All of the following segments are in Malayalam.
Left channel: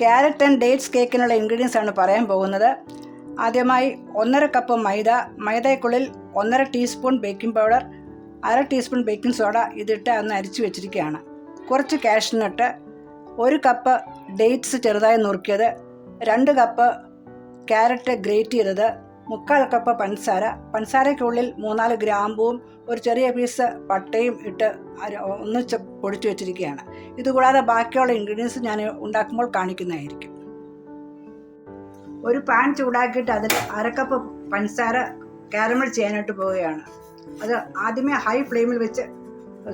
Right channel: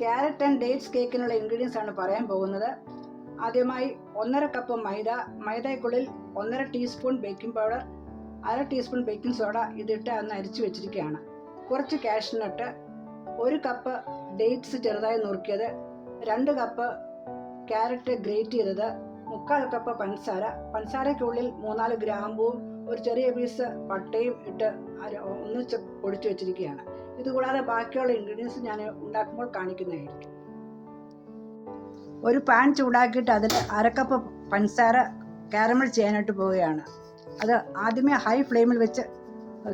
ക്യാരറ്റ് ആൻഡ് ഡേറ്റ്സ് കേക്കിനുള്ള ഇൻഗ്രീഡിയൻസ് ആണ് പറയാൻ പോകുന്നത്. ആദ്യമായി 1.5 കപ്പ് മൈദയ്ക്കുള്ളിൽ 1.5 teaspoon baking powder, 1/2 teaspoon baking soda ഇതിട്ട് ഒന്ന് അരിച്ചു വെച്ചിരിക്കുകയാണ്. കുറച്ച് കാഷ്നട്ട്, 1 കപ്പ് ഡേറ്റ്സ് ചെറുതായി നുറുക്കിയത്, 2 കപ്പ് ക്യാരറ്റ് ഗ്രേറ്റ് ചെയ്തത്, 3/4 കപ്പ് പഞ്ചസാരയ്ക്കുള്ളിൽ 3-4 ഗ്രാമ്പൂവും ഒരു ചെറിയ പീസ് പട്ടയും ഇട്ട് ഒന്നിച്ച് പൊടിച്ചു വെച്ചിരിക്കുകയാണ്. ഇതുകൂടാതെ ബാക്കിയുള്ള ഇൻഗ്രീഡിയൻസ് ഞാൻ ഉണ്ടാക്കുമ്പോൾ കാണിക്കുന്നതായിരിക്കും. ഒരു പാൻ ചൂടാക്കിയിട്ട് അതിൽ 1/2 കപ്പ് പഞ്ചസാര കാരമൽ ചെയ്യാനായിട്ട് പോവുകയാണ്. അത് ആദ്യമേ ഹൈ ഫ്ലെയിമിൽ വെച്ച്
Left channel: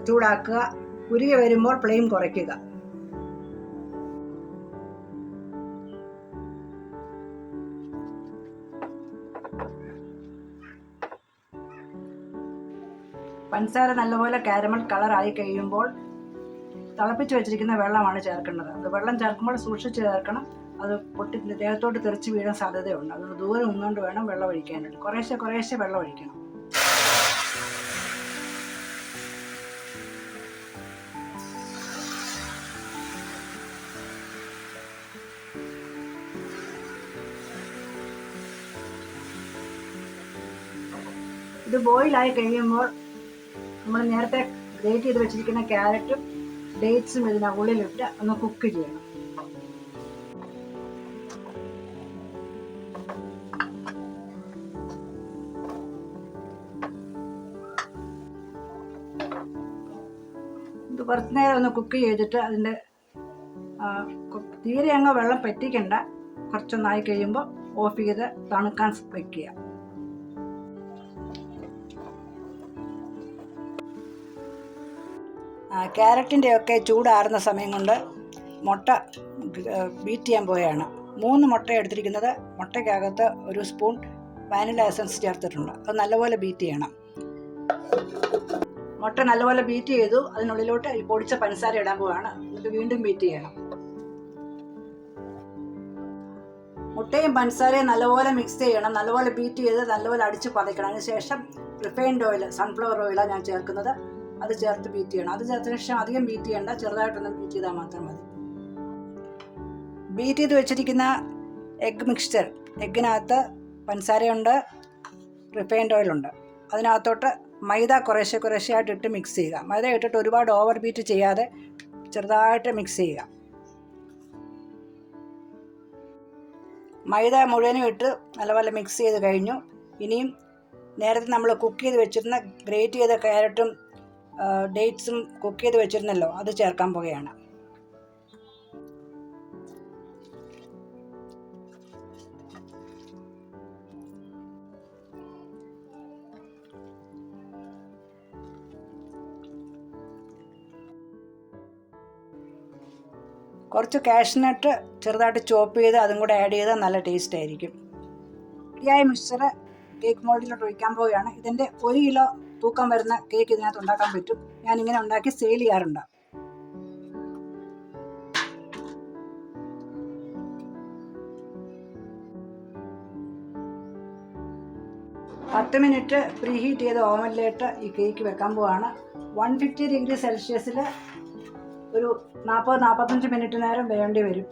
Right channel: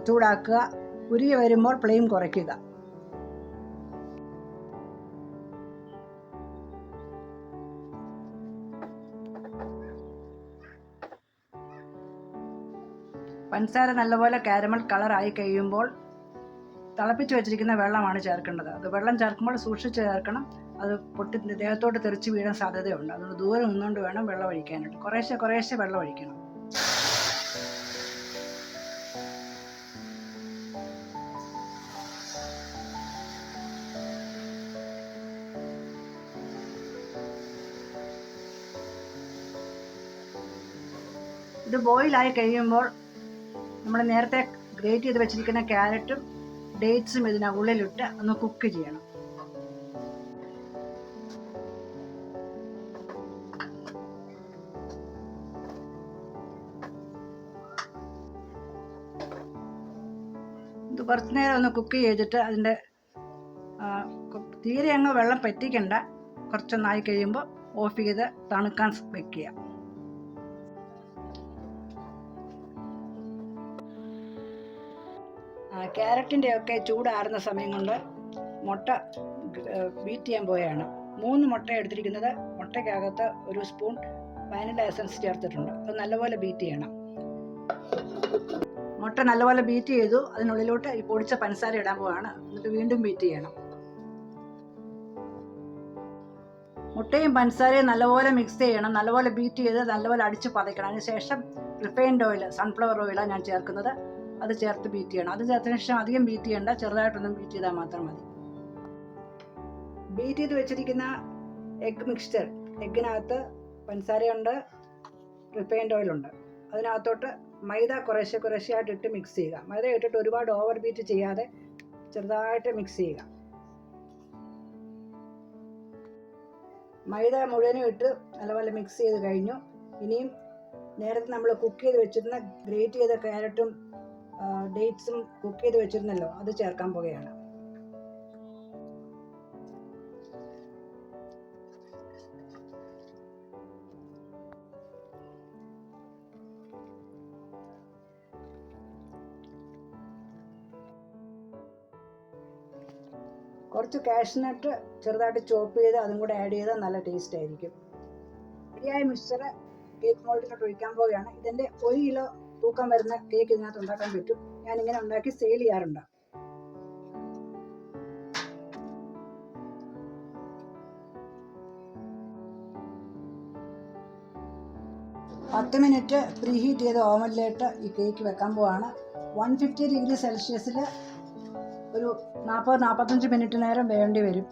ചൂടാക്കുക. ഉരുകി വരുമ്പോൾ ഫ്ലെയിം കുറയ്ക്കുക. പഞ്ചസാര നല്ലപോലെ കാരമൽ കളറായി കഴിയുമ്പോൾ തിളപ്പിച്ച് വെച്ചിരിക്കുന്ന വെള്ളമാണ് ചേർക്കേണ്ടത്. അത് വെള്ളം ചേർക്കുമ്പോൾ സൂക്ഷിച്ച് ചേർക്കണം. അത് പൊട്ടി ദേഹത്തോട്ട് തെറിച്ച് വീഴാൻ സാധ്യതയുണ്ട്. അതുകൊണ്ട് ദൂരെ നിന്നുകൊണ്ട് വേണം വെള്ളം ഒഴിക്കാനായിട്ട്. കുറേശ്ശെ വെള്ളം ഒഴിക്കണം. ഇത് ബോയിലായി കഴിയുമ്പോൾ നമ്മൾ നേരത്തെ ഗ്രേറ്റ് ചെയ്ത് വെച്ചിരിക്കുന്ന ക്യാരറ്റും ഡേറ്റ്സും ഇതിനുള്ളിലിട്ട് ഒന്ന് കുക്ക് ചെയ്യണം. ഇത് കുറച്ച് നേരം ഒന്ന് കുക്ക് ചെയ്തിട്ട് അതിൻ്റെ തീരെ അങ്ങ് വെള്ളം പറ്റിക്കണ്ട. കുറച്ചൊന്നായി കഴിയുമ്പോൾ ഓഫ് ചെയ്ത് തണുക്കാൻ വെക്കുക. ക്യാരറ്റിൻ്റെയൊക്കെ ചൂടാറുന്ന സമയം കൊണ്ട് മുട്ട ബീറ്റ് ചെയ്യാൻ പോവുകയാണ്. 3 മുട്ട എടുത്തിരിക്കുന്നത്. മുട്ടയ്ക്കകത്ത് 1 സ്പൂൺ വാനില എസൻസ് ചേർത്തിട്ടുണ്ട്. അത് നല്ലപോലെ ബീറ്റ് ചെയ്യണം. മുട്ട നല്ലപോലെ ബീറ്റ് ചെയ്തു. അതിനുള്ളിലോട്ട് ഈ പൊടിച്ച പഞ്ചസാര ഇടാൻ പോവുകയാണ്. എന്നിട്ട് വീണ്ടും ബീറ്റ് ചെയ്യണം. മുട്ടയും പഞ്ചസാരയും നല്ലപോലെ മിക്സ് ചെയ്യണം. നല്ലപോലെ ബീറ്റ് ചെയ്ത് നല്ലപോലെ അടിച്ച് പതയ്ക്കണം. അതിനുശേഷം റിഫൈൻഡ് ഓയിൽ, സൺഫ്ലവർ ഓയിലാണ് ഞാൻ ചേർക്കുന്നത്. അത് ചേർത്ത് ബീറ്റ് ചെയ്യണം. അത് ചേർത്തതിന് ശേഷം അധികം ബീറ്റ് ചെയ്യണ്ട, ചെറുതായിട്ടൊന്നും ബീറ്റ് ചെയ്താൽ മാത്രം മതി. ബീറ്റ് ചെയ്ത് വെച്ചിരിക്കുന്ന എഗ് മിക്സ്ചർ, എഗ്ഗിനകത്ത് പഞ്ചസാരയുണ്ട്, റിഫൈൻഡ് ഓയിലുണ്ട്. അതിനകത്തോട്ട് മൈദ കുറേശ്ശെയായിട്ട് ഇട്ട് മിക്സ് ചെയ്യുക. മൈദ ഇട്ടിട്ട് ഒരുപാട് ഓവർ ബീറ്റ് ചെയ്യാതെ ചെറുതായിട്ട് മിക്സ് ചെയ്യുക. മൈദ മുഴുവനും ഇട്ട് നല്ലപോലെ മിക്സ് ചെയ്ത് കഴിഞ്ഞു. ഇനിയും നേരത്തെ നമ്മൾ കുക്ക് ചെയ്ത് വെച്ചിരുന്ന ഗ്രേറ്റ് ചെയ്ത ക്യാരറ്റും ഡേറ്റ്സും കുക്ക് ചെയ്ത് വെച്ചിരുന്നല്ലോ, അത് ചേർക്കാൻ പോവുകയാണ്. കുറച്ച് കാഷ്നട്ട് ചെറുതായിട്ട് ചോപ്പ് ചെയ്ത് അതും കൂടെ ആഡ് ചെയ്താൽ നല്ല ടേസ്റ്റ് ആയിരിക്കും. ശരിയായ മിക്സ്ചർ കേക്ക് മോൾഡിലോട്ട് ഒഴിക്കാൻ പോവുകയാണ്. ഇതിൻ്റെ 1 കിലോ തൂക്കം വരുന്ന കേക്ക് ഇതിനകത്ത് ഉണ്ടാക്കാൻ പറ്റും. ഞാനിങ്ങനെ ഉണ്ടാക്കി സെയിൽ ചെയ്യാറുണ്ട്. പത്ത് മിനിറ്റ് പ്രീ ഹീറ്റ് ചെയ്ത ഓവനിലേക്ക് ഈ കേക്ക് വെക്കാൻ പോവാണ്. 150 ഡിഗ്രി സെൽഷ്യസിൽ ഒരു 40-45 മിനിറ്റ് നേരം വേണ്ടി വരും.